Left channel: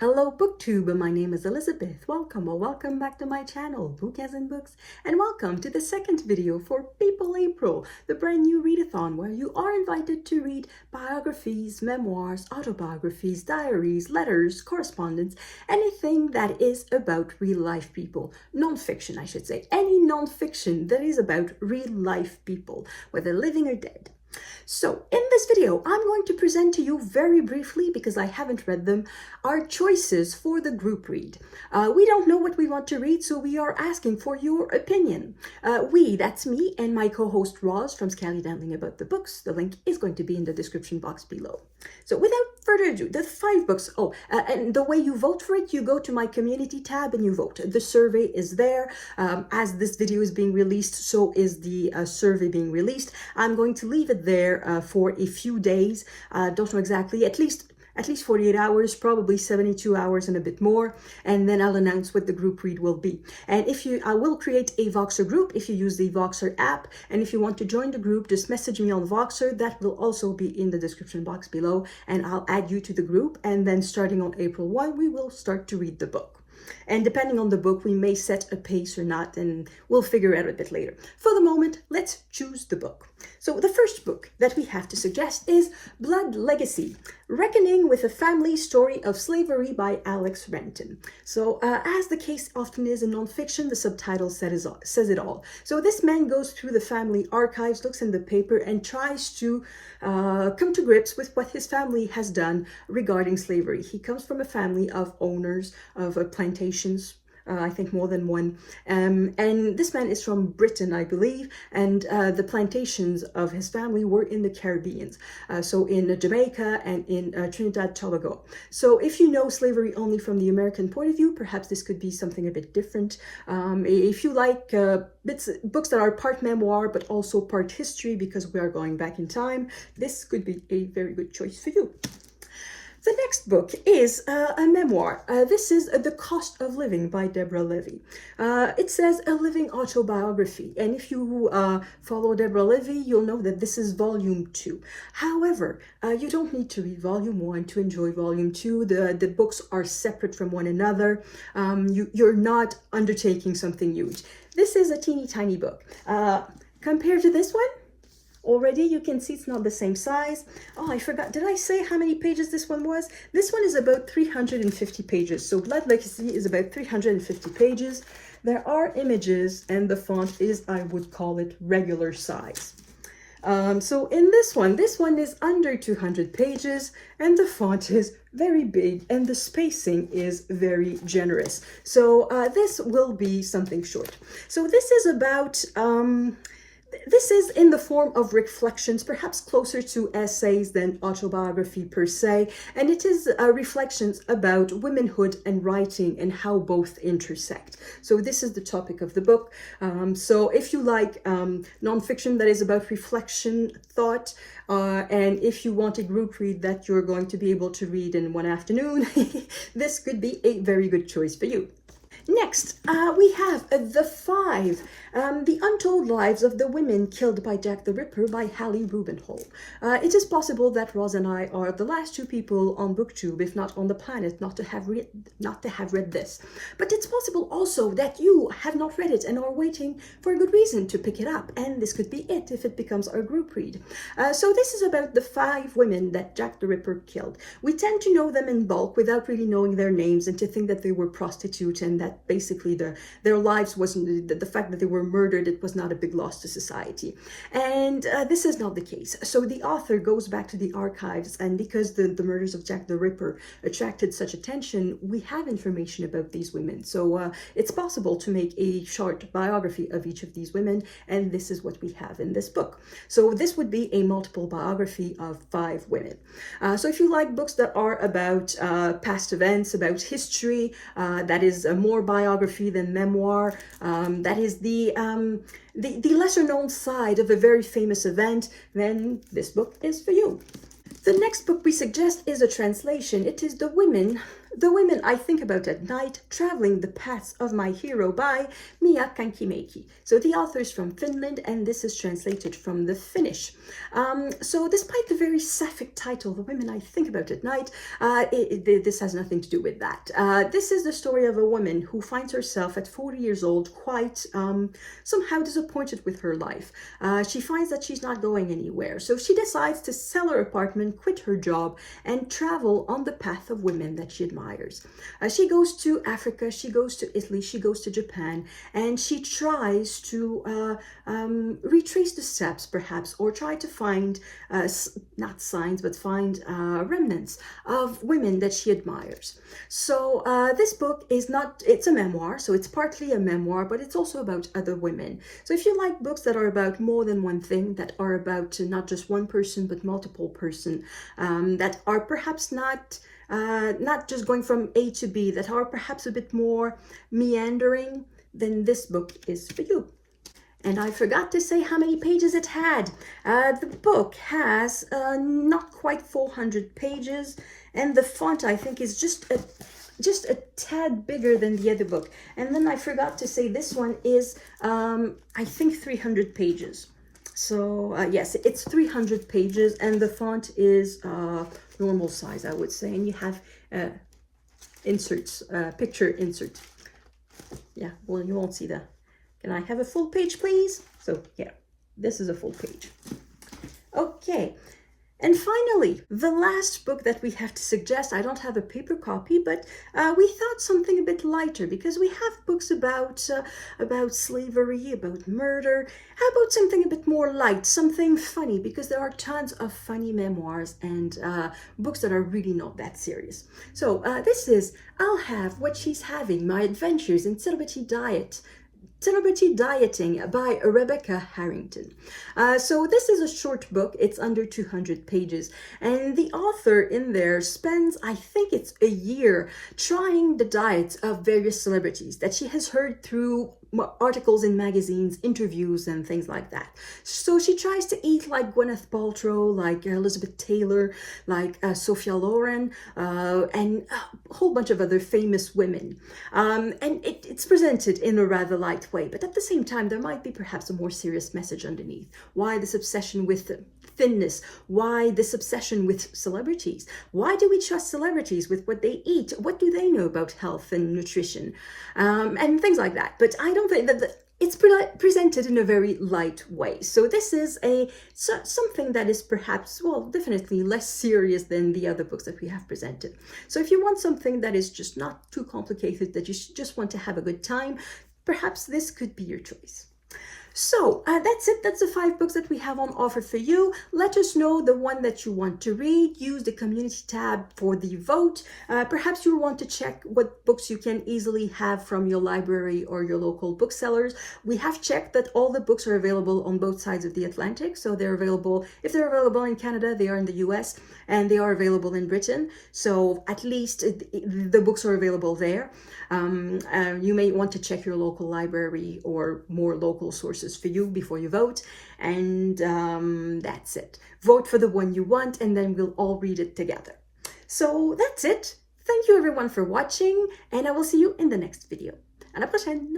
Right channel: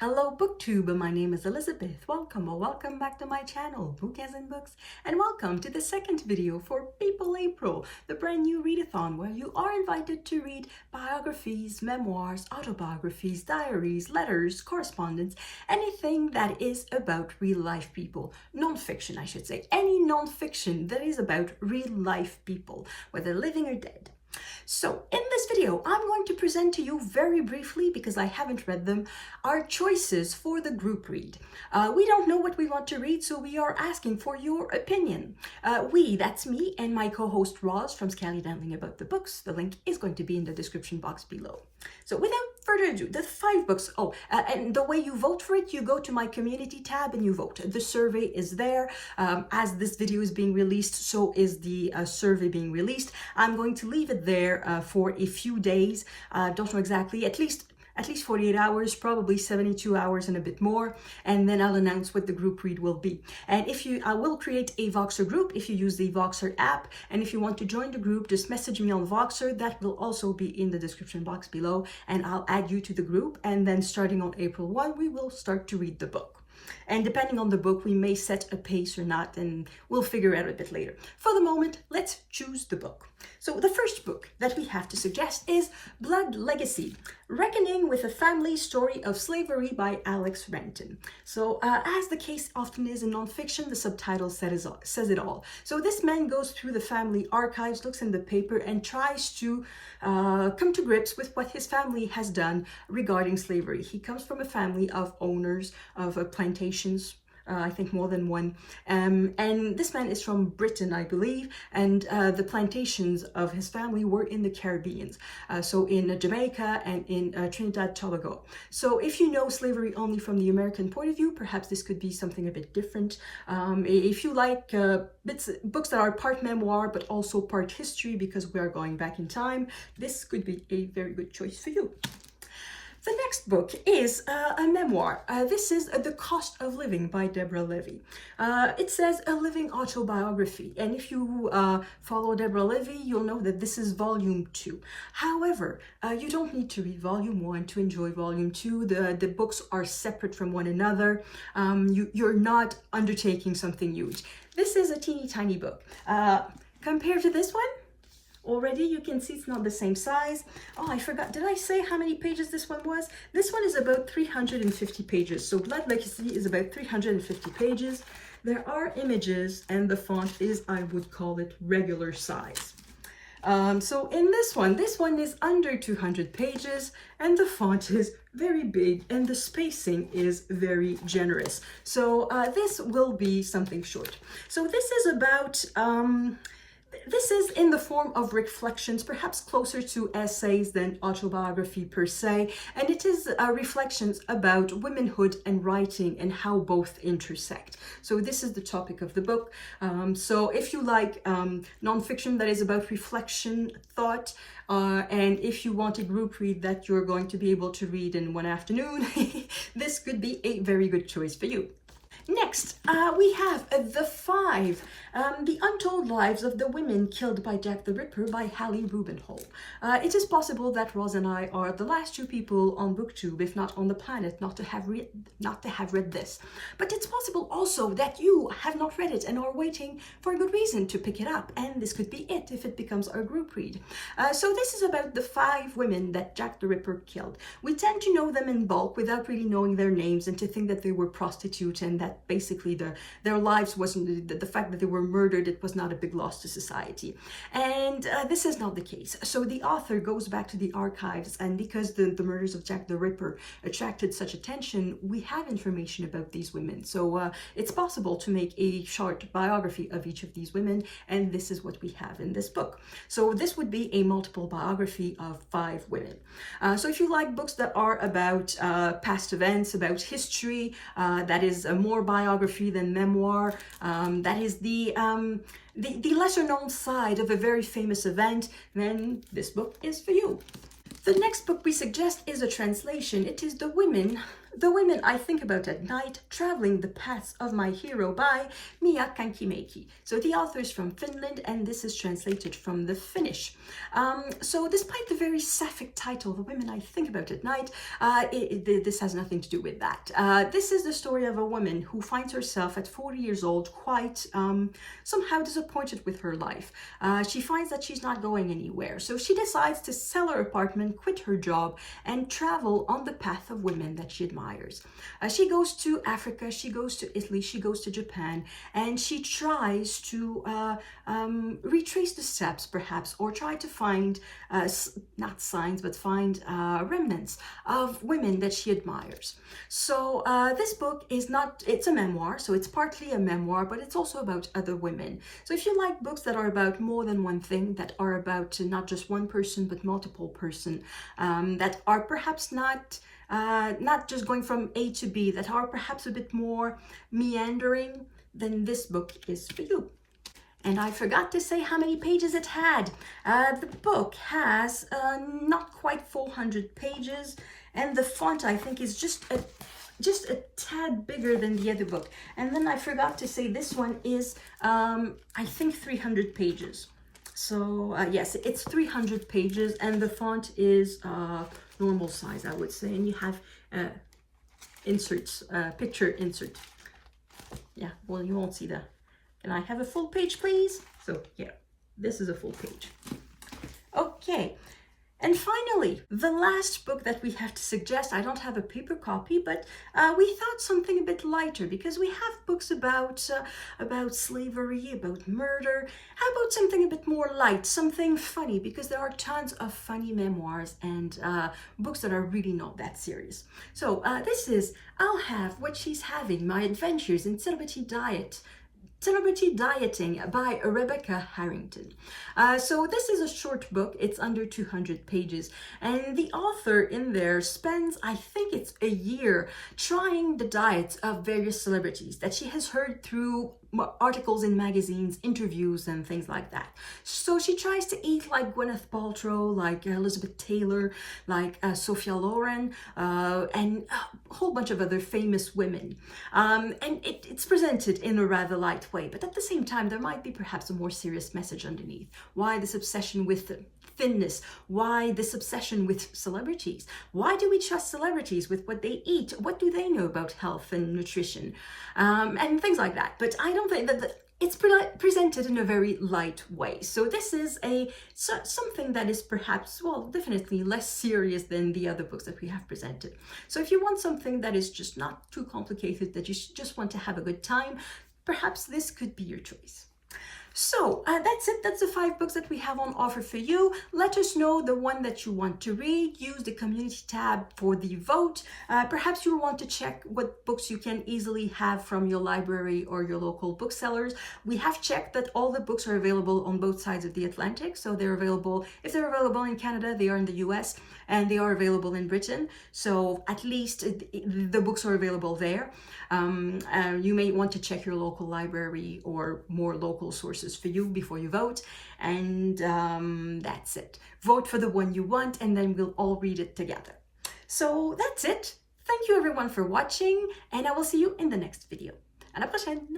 Hello BookTube, my name is Elizabeth. Welcome or welcome back to my channel, Bookies and Books, and welcome to the second video for People April, the brand new readathon where you are invited to read biographies, memoirs, autobiographies, diaries, letters, correspondence, anything that is about real life people. Non-fiction, I should say. Any non-fiction that is about real life people, whether living or dead. So in this video, I'm going to present to you very briefly, because I haven't read them, our choices for the group read. We don't know what we want to read, so we are asking for your opinion. That's me and my co-host Roz from Scally Dantling About the Books. The link is going to be in the description box below. So without further ado, the 5 books. And the way you vote for it, you go to my community tab and you vote. The survey is there. As this video is being released, so is the survey being released. I'm going to leave it there for a few days. Don't know exactly, at least 48 hours, probably 72 hours and a bit more, and then I'll announce what the group read will be. And I will create a Voxer group if you use the Voxer app, and if you want to join the group, just message me on Voxer. That will also be in the description box below, and I'll add you to the group, and then starting on April 1, we will start to read the book. And depending on the book, we may set a pace or not, and we'll figure it out a bit later. For the moment, let's choose the book. So the first book that we have to suggest is Blood Legacy, Reckoning with a Family Story of Slavery by Alex Renton. So as the case often is in nonfiction, the subtitle says it all. So this man goes through the family archives, looks in the paper, and tries to come to grips with what his family has done regarding slavery. He comes from a family of owners of plantations, I think more than one, and this man is from Britain, I believe, and the plantations of his family were in the Caribbean, so in Jamaica and in Trinidad Tobago. So if you know slavery only from the American point of view, perhaps this could be something a bit different. If you like books that are part memoir but also part history, because we are going back in time, this could be a very good choice for you. The next book is a memoir. This is The Cost of Living by Deborah Levy. It says a living autobiography, and if you follow Deborah Levy, you'll know that this is volume 2. However, you don't need to read volume 1 to enjoy volume 2. The books are separate from one another. You're not undertaking something huge. This is a teeny tiny book. Compared to this one, already you can see it's not the same size. Oh, I forgot. Did I say how many pages this one was? This one is about 350 pages. So Blood Legacy is about 350 pages. There are images, and the font is, I would call it, regular size. So in this one is under 200 pages, and the font is very big, and the spacing is very generous. So this will be something short. So this is about this is in the form of reflections, perhaps closer to essays than autobiography per se, and it is reflections about womanhood and writing and how both intersect. So this is the topic of the book. So if you like nonfiction that is about reflection, thought, and if you want a group read that you're going to be able to read in one afternoon, this could be a very good choice for you. Next, we have The Untold Lives of the Women Killed by Jack the Ripper by Hallie Rubenhold. It is possible that Roz and I are the last 2 people on BookTube, if not on the planet, not to have read this. But it's possible also that you have not read it and are waiting for a good reason to pick it up, and this could be it if it becomes our group read. So this is about the 5 women that Jack the Ripper killed. We tend to know them in bulk without really knowing their names, and to think that they were prostitutes, and that basically their lives wasn't, the fact that they were murdered, it was not a big loss to society. And this is not the case. So the author goes back to the archives, and because the murders of Jack the Ripper attracted such attention, we have information about these women. So it's possible to make a short biography of each of these women, and this is what we have in this book. So this would be a multiple biography of 5 women. So if you like books that are about past events, about history, that is more biography than memoir, that is the lesser known side of a very famous event, then this book is for you. The next book we suggest is a translation. It is The Women The Women I Think About at Night, Traveling the Paths of My Hero by Mia Kankimäki. So the author is from Finland, and this is translated from the Finnish. So despite the very sapphic title, The Women I Think About at Night, this has nothing to do with that. This is the story of a woman who finds herself at 40 years old quite somehow disappointed with her life. She finds that she's not going anywhere. So she decides to sell her apartment, quit her job, and travel on the path of women that she admires. She goes to Africa, she goes to Italy, she goes to Japan, and she tries to retrace the steps perhaps, or try to find, not signs, but find remnants of women that she admires. So this book is not, it's a memoir, so it's partly a memoir, but it's also about other women. So if you like books that are about more than one thing, that are about not just one person, but multiple person, that are perhaps not just going from A to B, that are perhaps a bit more meandering, then this book is for you. And I forgot to say how many pages it had. The book has not quite 400 pages, and the font I think is just a tad bigger than the other book. And then I forgot to say this one is I think 300 pages. So yes, it's 300 pages, and the font is normal size, I would say, and you have inserts, picture insert. Yeah, well, you won't see the, can I have a full page, please? So yeah, this is a full page. Okay. And finally, the last book that we have to suggest, I don't have a paper copy, but we thought something a bit lighter, because we have books about slavery, about murder. How about something a bit more light, something funny, because there are tons of funny memoirs and books that are really not that serious. So this is I'll Have What She's Having, My Adventures in Celebrity Dieting by Rebecca Harrington. So this is a short book. It's under 200 pages, and the author in there spends, I think it's a year, trying the diets of various celebrities that she has heard through articles in magazines, interviews, and things like that. So she tries to eat like Gwyneth Paltrow, like Elizabeth Taylor, like Sophia Loren, and a whole bunch of other famous women. And it's presented in a rather light way, but at the same time, there might be perhaps a more serious message underneath. Why this obsession with thinness? Why this obsession with celebrities? Why do we trust celebrities with what they eat? What do they know about health and nutrition? And things like that. But I don't think that it's presented in a very light way. So this is something that is perhaps, well, definitely less serious than the other books that we have presented. So if you want something that is just not too complicated, that you just want to have a good time, perhaps this could be your choice. So that's it. That's the 5 books that we have on offer for you. Let us know the one that you want to read. Use the community tab for the vote. Perhaps you'll want to check what books you can easily have from your library or your local booksellers. We have checked that all the books are available on both sides of the Atlantic. So they're available, if they're available in Canada, they are in the US, and they are available in Britain. So at least the books are available there. You may want to check your local library or more local sources for you before you vote, and that's it. Vote for the one you want, and then we'll all read it together. So that's it. Thank you everyone for watching, and I will see you in the next video. À la prochaine!